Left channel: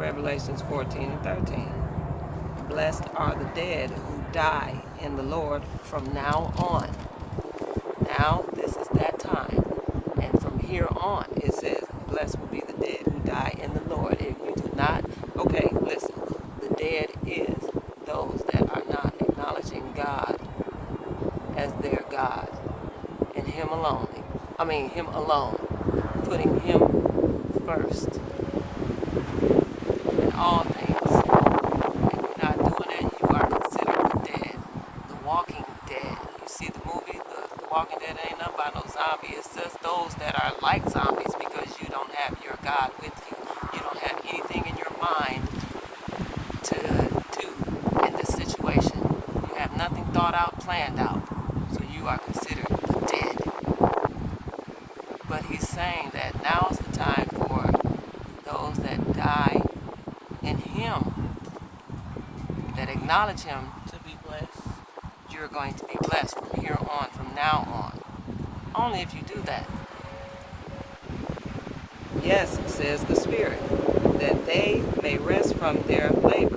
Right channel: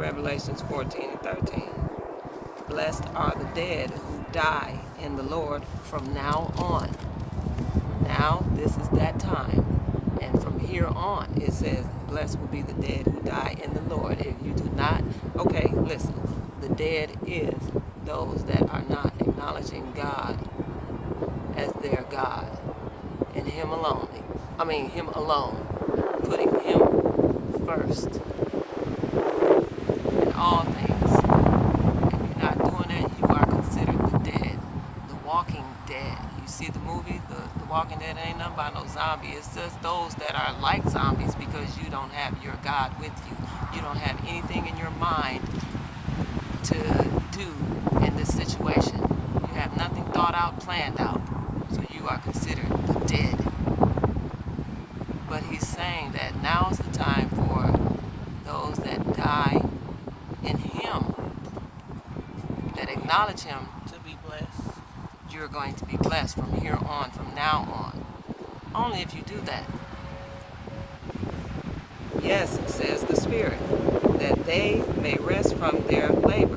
Revelations 14 and 13. Blessed are the dead who die in the Lord from now on. Now, this is that time. And from here on, it says, blessed will be the dead who die in the Lord. If you do not, okay, listen. The dead is those that are not acknowledging God as their God. And Him alone. Him alone. Putting Him first in all things. If you're not doing that, you are considered dead. The Walking Dead. You see the movie, the Walking Dead ain't nothing but no zombie. It's just those that are like zombies because you don't have your God with you. You don't have anything in your mind to do in this situation. You have nothing thought out, planned out. So you are considered dead. But he's saying that now is the time for those that die in Him, that acknowledge Him, to be blessed. you're going to be blessed from here on, from now on. Only if you do that. Yes, says the Spirit, that they may rest from their labor.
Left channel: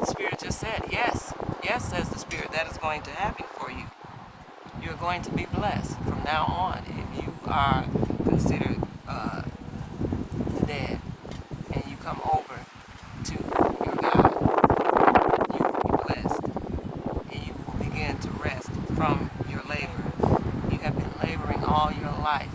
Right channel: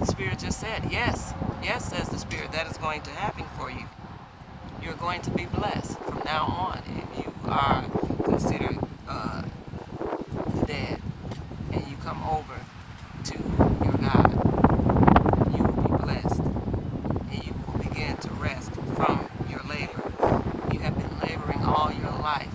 The Spirit just said, yes. Yes, says the Spirit, that is going to happen for you. You're going to be blessed from now on if you are considered dead and you come over to your God. You will be blessed and you will begin to rest from your labor. You have been laboring all your life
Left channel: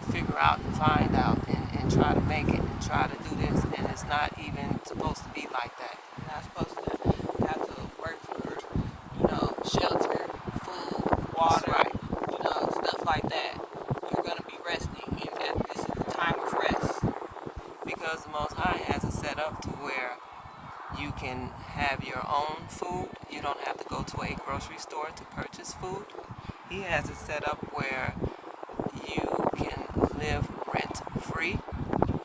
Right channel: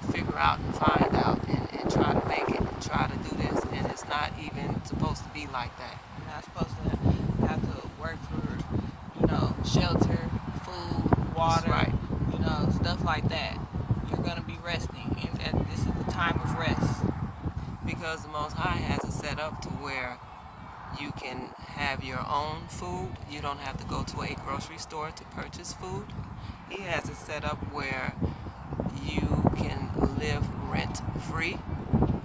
to figure out and find out and try to make it and try to do this, and it's not even supposed to be like that. You're not supposed to have to work for, shelter, food, water, That's right. Stuff like that. You're going to be resting, and this is the time of rest. Because the Most High has it set up to where you can have your own food. You don't have to go to a grocery store to purchase food. He has it set up where you can live rent-free.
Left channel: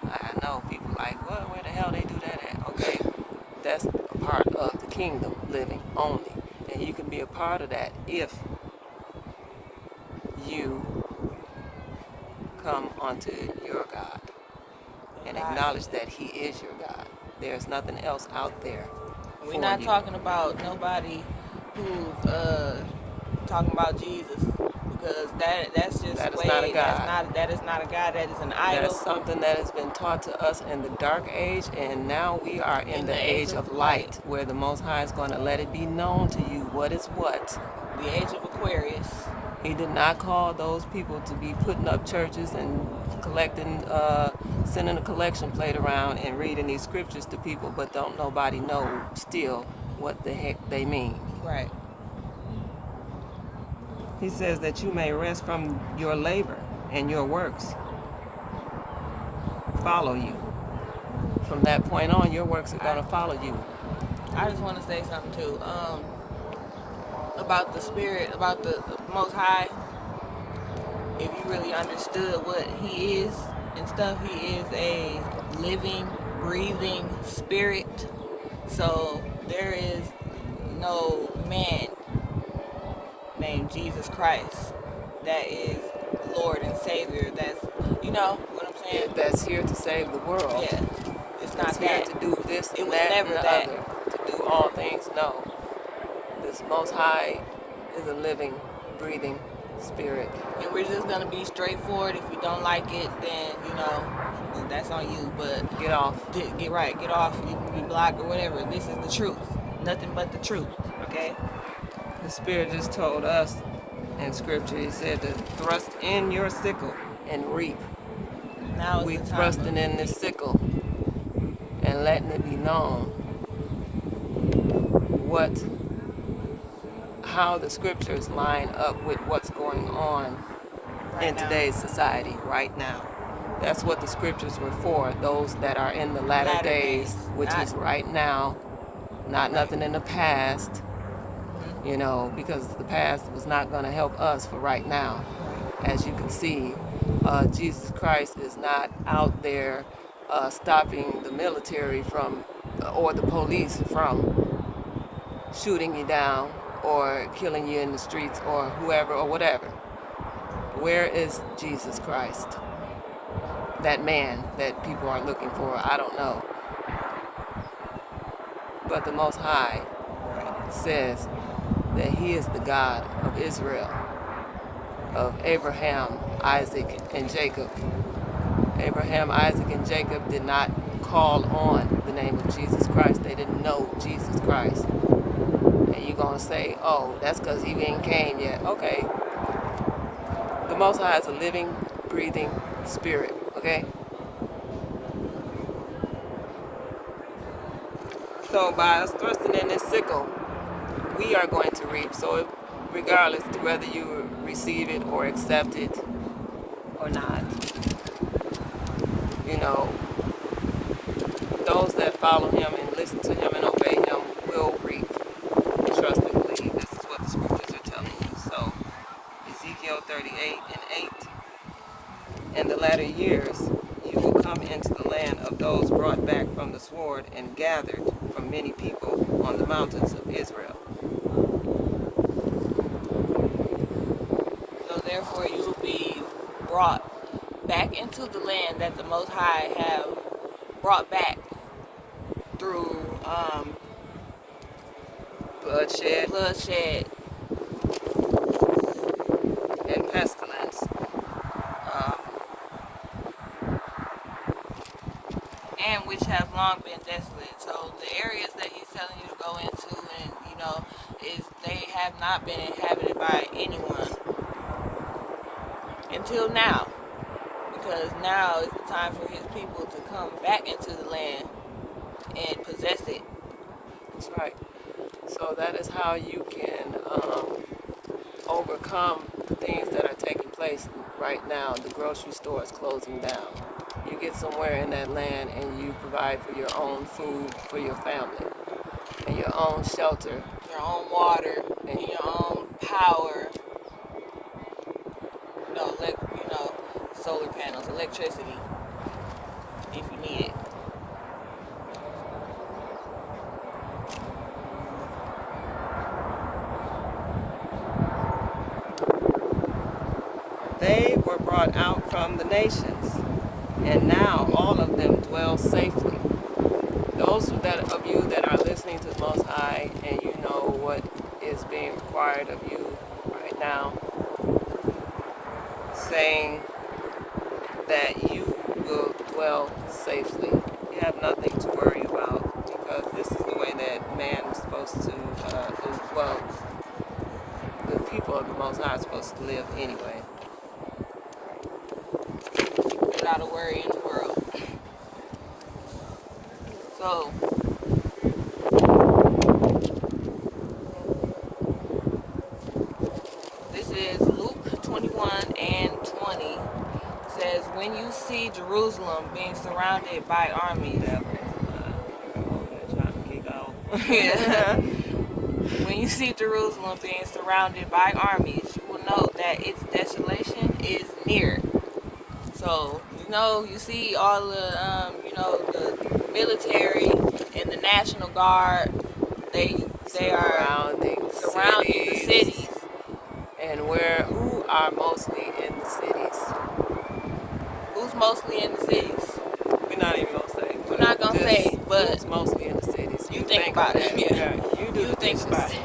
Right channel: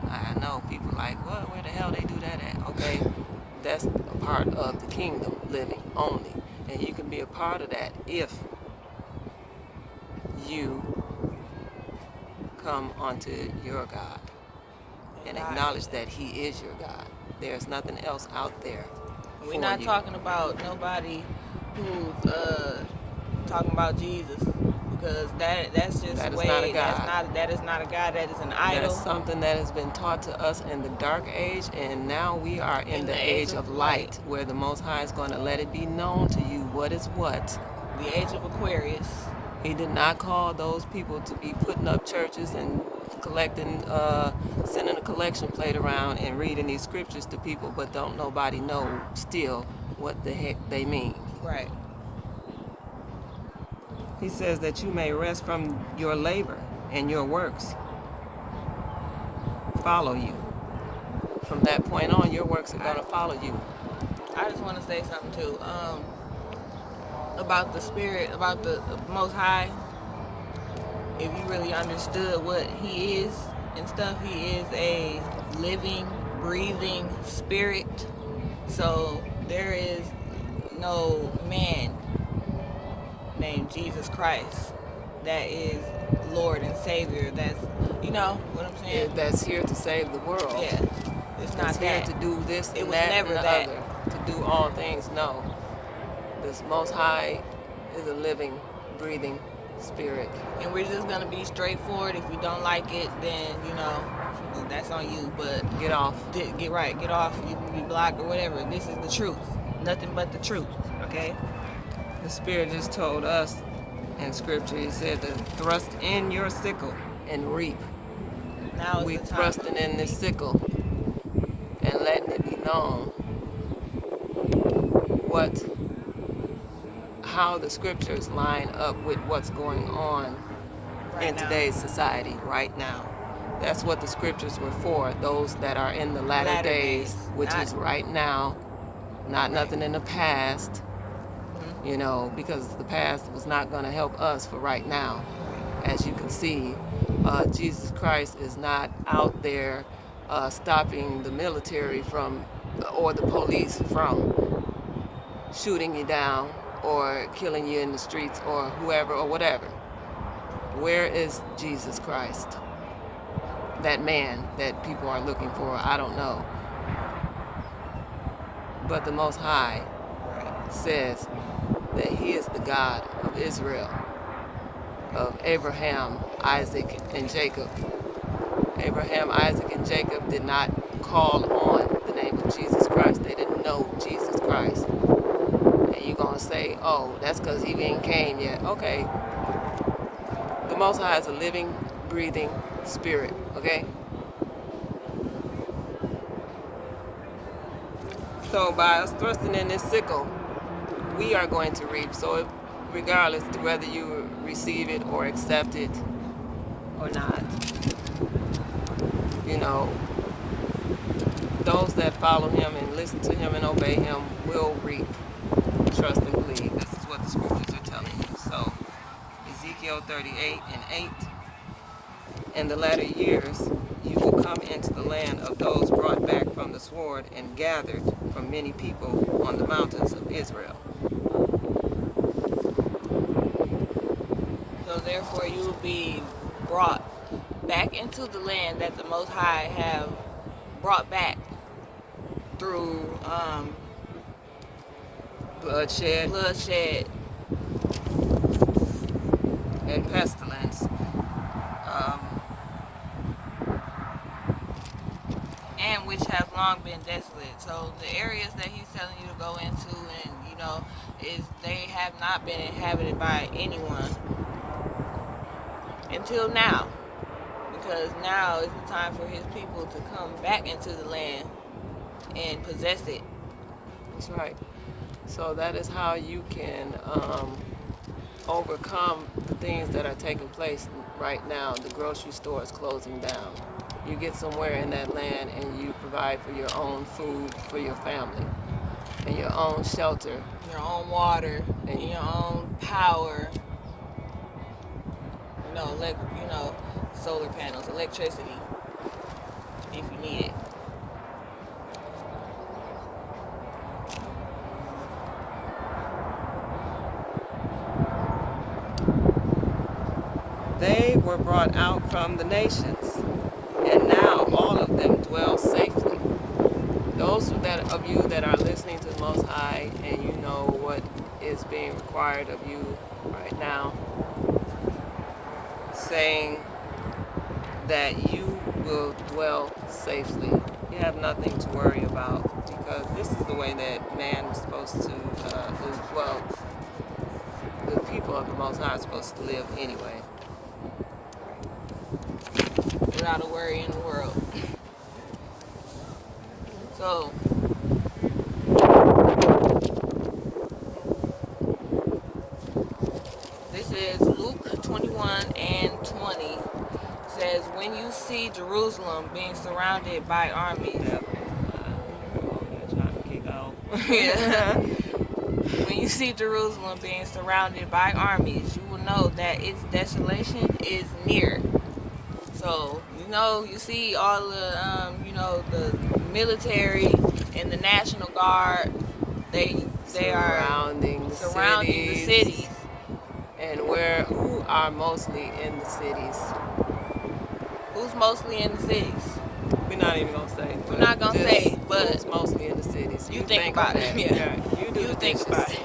I know people like, well, where the hell they do that at? Okay, that's a part of the kingdom living only. And you can be a part of that if you come onto your God and acknowledge that He is your God. There's nothing else out there. We're not talking about nobody who's talking about Jesus, because that's just that is not a God. That is not a God. That is an idol. That's something that has been taught to us in the dark age, and now we are in the age of light, where the Most High is going to let it be known to you what is what. The age of Aquarius. He did not call those people to be putting up churches and collecting, sending a collection plate around and reading these scriptures to people, but don't nobody know still what the heck they mean. Right. He says that you may rest from your labor and your works follow you. From that point on, your works are going to follow you. I just want to say something too. About the Spirit, about the Most High. If you really understood what He is and stuff, He is a living, breathing spirit. So there is no man named Jesus Christ that is Lord and Savior. That's, you know what I'm saying? That's here to save the world. Yeah. It's not here that. to do this It and was that never and the that. other. To do all things. No. This Most High is a living, breathing spirit. And we're just going to be straightforward. If you don't like it, then, that's on you. But get off. Get right. Get off. You can be blocked or whatever. This is the truth. Nothing but the truth. Okay? The Spirit just told us in Scripture, He said to thrust in your sickle and reap. Now we thrusting in this sickle and letting it be known how the Scriptures line up with what's going on in today's society right now. That's what the Scriptures were for, those that are in the latter days, which is right now, not nothing in the past, because the past was not going to help us for right now. As you can see, Jesus Christ is not out there stopping the military from, or the police from shooting you down or killing you in the streets or whoever or whatever. Where is Jesus Christ? that man that people are looking for. I don't know. But the Most High says that he is the God of Israel, of Abraham, Isaac, and Jacob. Abraham, Isaac, and Jacob did not call on the name of Jesus Christ. They didn't know Jesus Christ. And you're going to say, oh, that's because he ain't came yet. Okay. The Most High is a living, breathing spirit, okay? So by us thrusting in this sickle, we are going to reap. So regardless to whether you receive it or accept it or not, you know, those that follow him and listen to him and obey him will reap. Trust and believe. This is what the scriptures are telling you. So Ezekiel 38 and 8. In the latter years, you will come into the land of those brought back from the sword and gathered from many people on the mountains of Israel. So therefore you will be brought back into the land that the Most High have brought back through bloodshed and pestilence. And which have long been desolate. So the areas that he's telling you to go into, and you know, is they have not been inhabited by anyone until now, because now is the time for his people to come back into the land and possess it. That's right. So that is how you can overcome the things that are taking place right now. The grocery store is closing down. You get somewhere in that land and you provide for your own food for your family and your own shelter, your own water, and your own power. Solar panels, electricity, if you need it. They were brought out from the nations, and now all of them dwell safely. Those of you that are listening to the Most High and you know what is being required of you right now, saying that you will dwell safely. You have nothing to worry about, because this is the way that man is supposed to, the people of the Most High are supposed to live anyway. Without a worry in the world. So, this is Luke 21 and 20. It says, when you see Jerusalem being surrounded by armies. When you see Jerusalem being surrounded by armies, you will know that its desolation is near. So, you see all the, the military and the National Guard, they are surrounding the cities. And who are mostly in the cities? Who's mostly in the cities? We're not even going to say. We're not going to say, but who's mostly in the cities? You think about it. Yeah, you do the dishes. Think about it.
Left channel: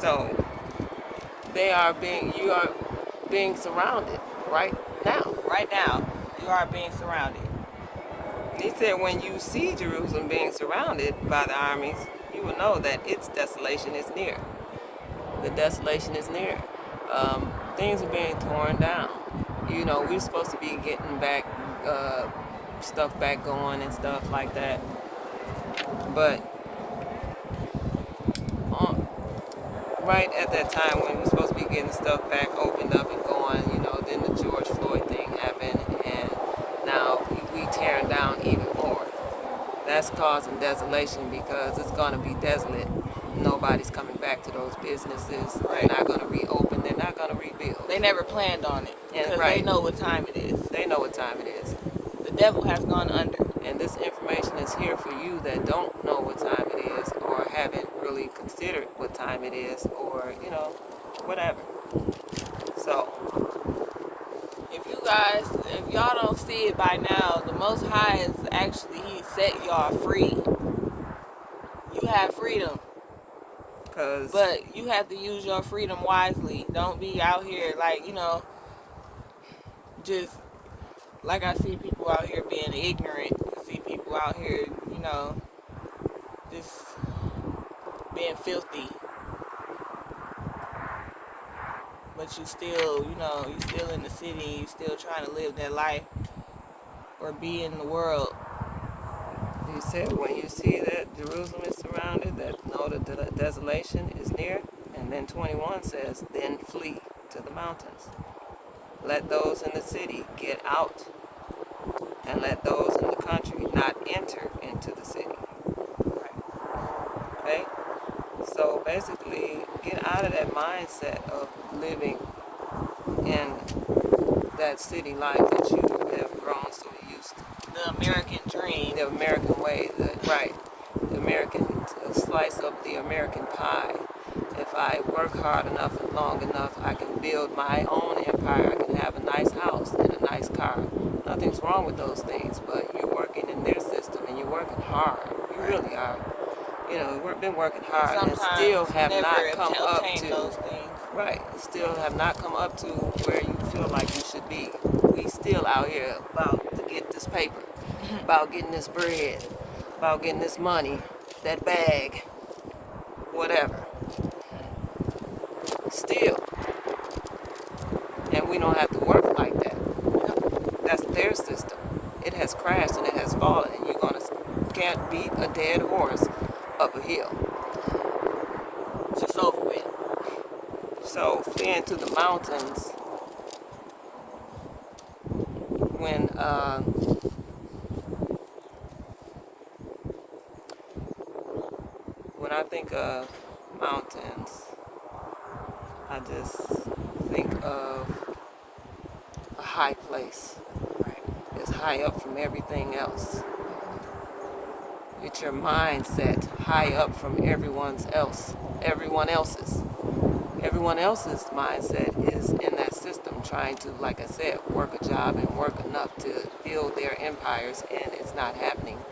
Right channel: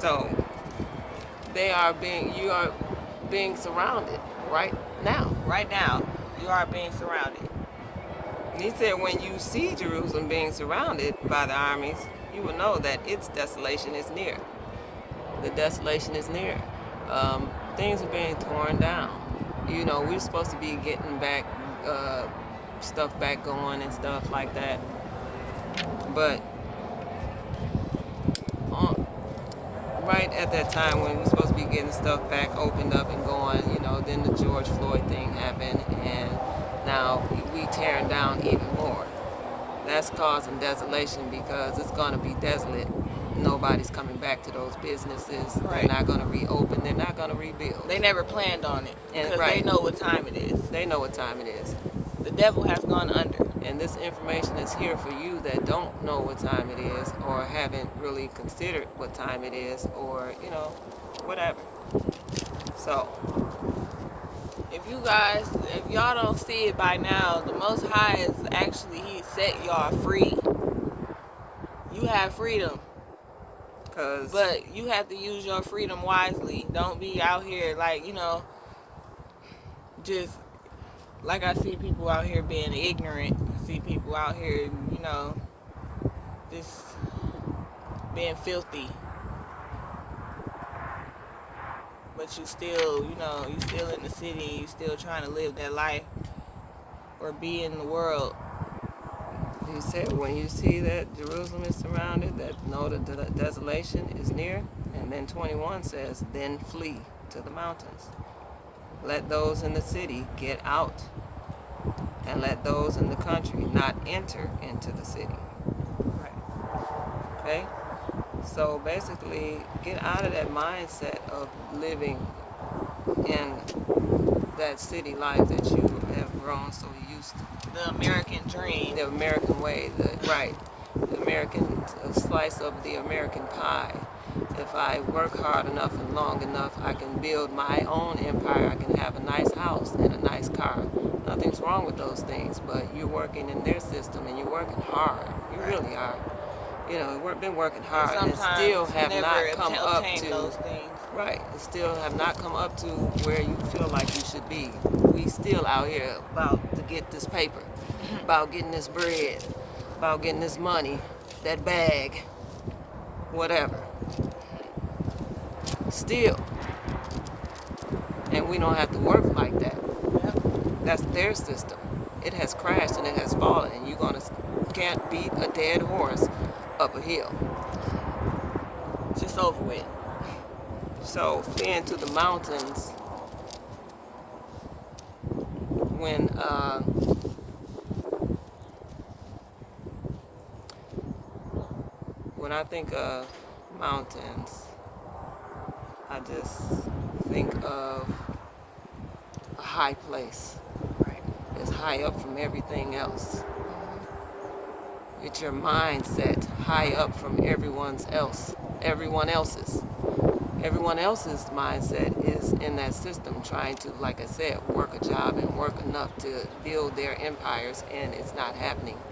So, you are being surrounded right now. Right now, you are being surrounded. He said when you see Jerusalem being surrounded by the armies, you will know that its desolation is near. The desolation is near. Things are being torn down. We're supposed to be getting back stuff back going and stuff like that. But right at that time when we're supposed to be getting stuff back opened up and going, then the George Floyd thing happened, and now we tearing down even more. That's causing desolation, because it's going to be desolate. Nobody's coming back to those businesses. Right. They're not going to reopen. They're not going to rebuild. They never planned on it, because they know what time it is. They know what time it is. The devil has gone under. And this information is here for you that don't know what time it is, or haven't really considered what time it is, or, whatever. So, if y'all don't see it by now, the Most High is actually, He set y'all free. You have freedom. But you have to use your freedom wisely. Don't be out here like, just like I see people out here being ignorant. I see people out here, just being filthy. But you still, you still in the city, you still trying to live that life or be in the world. He said, when you see that Jerusalem is surrounded, that know that the desolation is near. And then 21 says, then flee to the mountains. Let those in the city get out, and let those in the country not enter into the city. Okay? So basically, get out of that mindset of living in that city life that you have grown so used to. The American dream. The American way, right. The American slice of the American pie. If I work hard enough and long enough, I can build my own empire. I can have a nice house and a nice car. Nothing's wrong with those things, but you're working in their system and you're working hard. You really are. We've been working hard and still have not come up to those things. Right, still have not come up to where you feel like you should be. We still out here about to get this paper, about getting this bread, about getting this money, that bag, whatever. Still. And we don't have to work like that. That's their system. It has crashed and it has fallen, and you can't beat a dead horse up a hill. It's just over with. So fleeing to the mountains, when I think of mountains, I just think of a high place. Right. It's high up from everything else. Get your mindset high up from everyone else's. Everyone else's mindset is in that system trying to, like I said, work a job and work enough to build their empires, and it's not happening,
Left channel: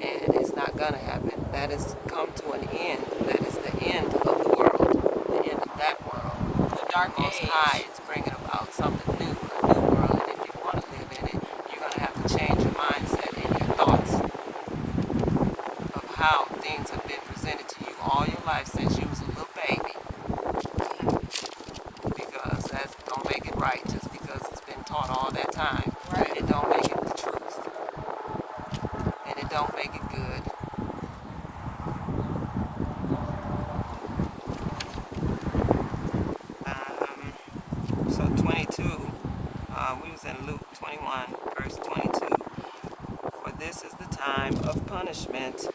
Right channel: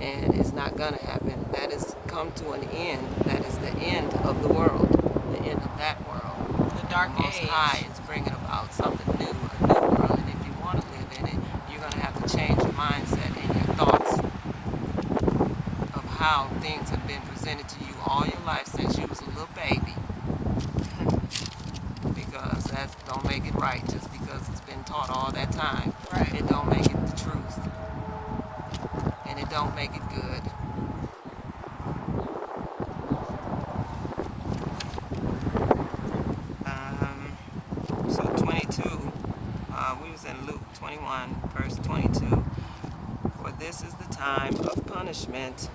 and it's not gonna happen. That has come to an end. That is the end of the world, the end of that world. The dark age. Most High is bringing about something new, a new world, and if you want to live in it, you're gonna have to change your mindset and your thoughts of how things have been presented to you all your life since you was a little baby. Because that don't make it right just because it's been taught all that time. Right. It don't make it the truth. And it don't make it good. So 22, we was in Luke 21, verse 22. For this is the time of punishment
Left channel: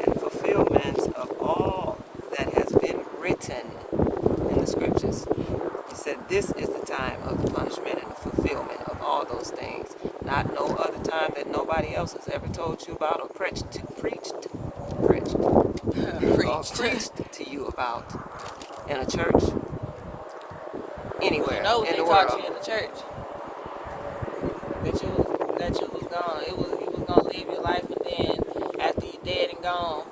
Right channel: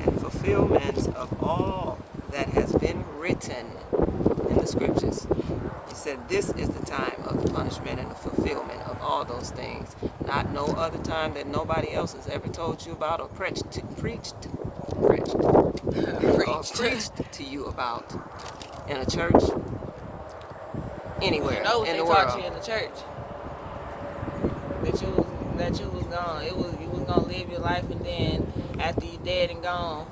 and fulfillment of all that has been written in the scriptures. He said this is the time of the punishment and the fulfillment of all those things. Not no other time that nobody else has ever told you about or preached to you about in a church, anywhere in the world. Taught you in the church that you was gone. You was gonna live your life, but then after you dead and gone,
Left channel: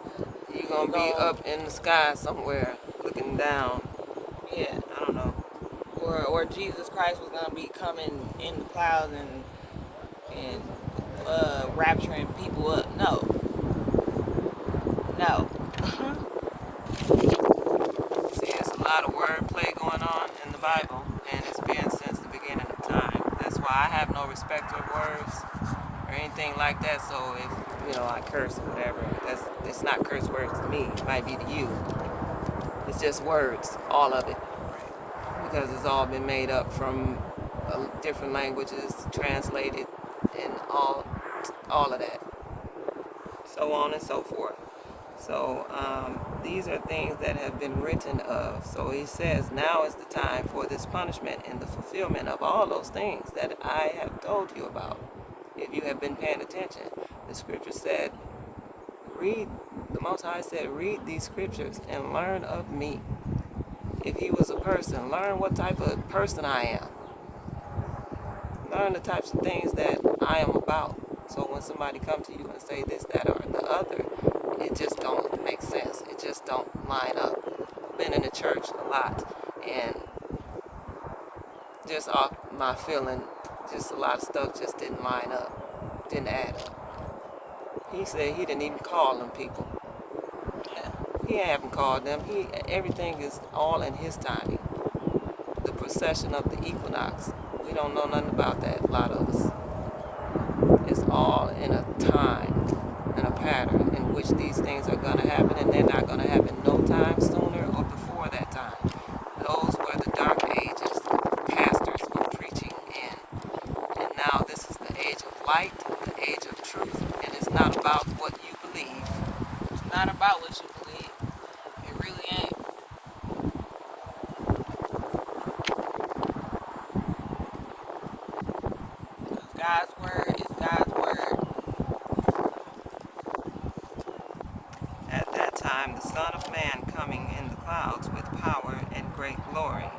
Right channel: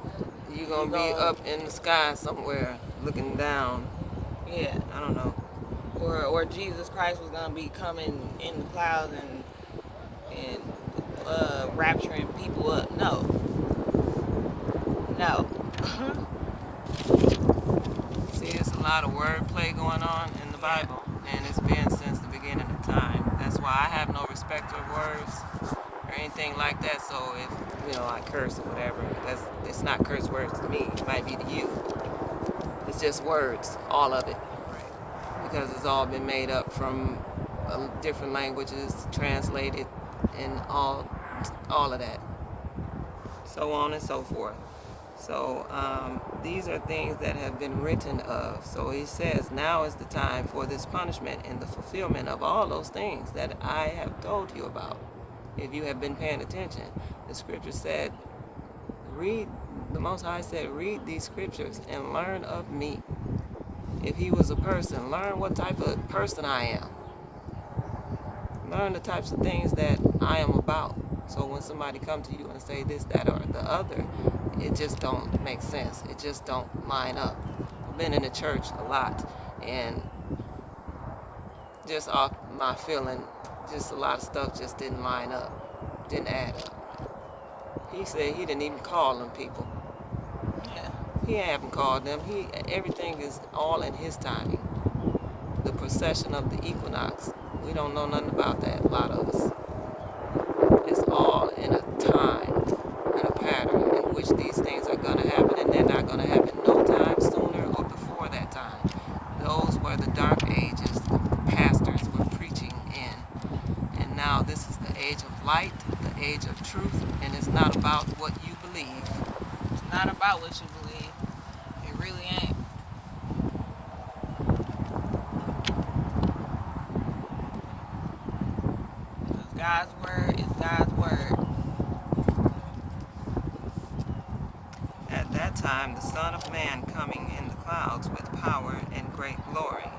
you're gonna be up in the sky somewhere looking down. Yeah, I don't know. Or Jesus Christ was gonna be coming in the clouds and rapturing people up. No. See, there's a lot of wordplay going on in the Bible, and it's been since the beginning of time. That's why I have no respect of words or anything like that. So if I curse or whatever, it's not curse words to me. It might be to you. It's just words, all of it, because it's all been made up from different languages, translated, and all of that, so on and so forth. So these are things that have been written of. So he says, now is the time for this punishment and the fulfillment of all those things that I have told you about. If you have been paying attention, the scripture said, the Most High said, read these scriptures and learn of me. If he was a person, learn what type of person I am. Learn the types of things that I am about. So when somebody comes to you and say this, that, or the other, it just don't make sense. It just don't line up. I've been in the church a lot, and just off my feeling, just a lot of stuff just didn't line up, didn't add up. He said he didn't even call them people. Yeah. He haven't called them. Everything is all in his timing. The procession of the equinox, we don't know nothing about that, a lot of us. It's all in a time and a pattern in which these things are going to happen, and they're not going to happen no time sooner or before that time. Those were the dark ages pastors were preaching in. And now this is the age of light, the age of truth, and it's not about what you believe. It's not about what you believe. It really ain't. God's word is God's word. At that time, the Son of Man coming in the clouds with power and great glory.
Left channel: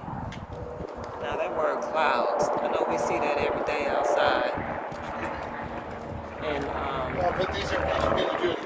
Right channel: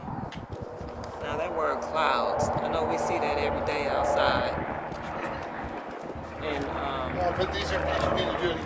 Now that word clouds, I know we see that every day outside. And But these are, you need to do it again.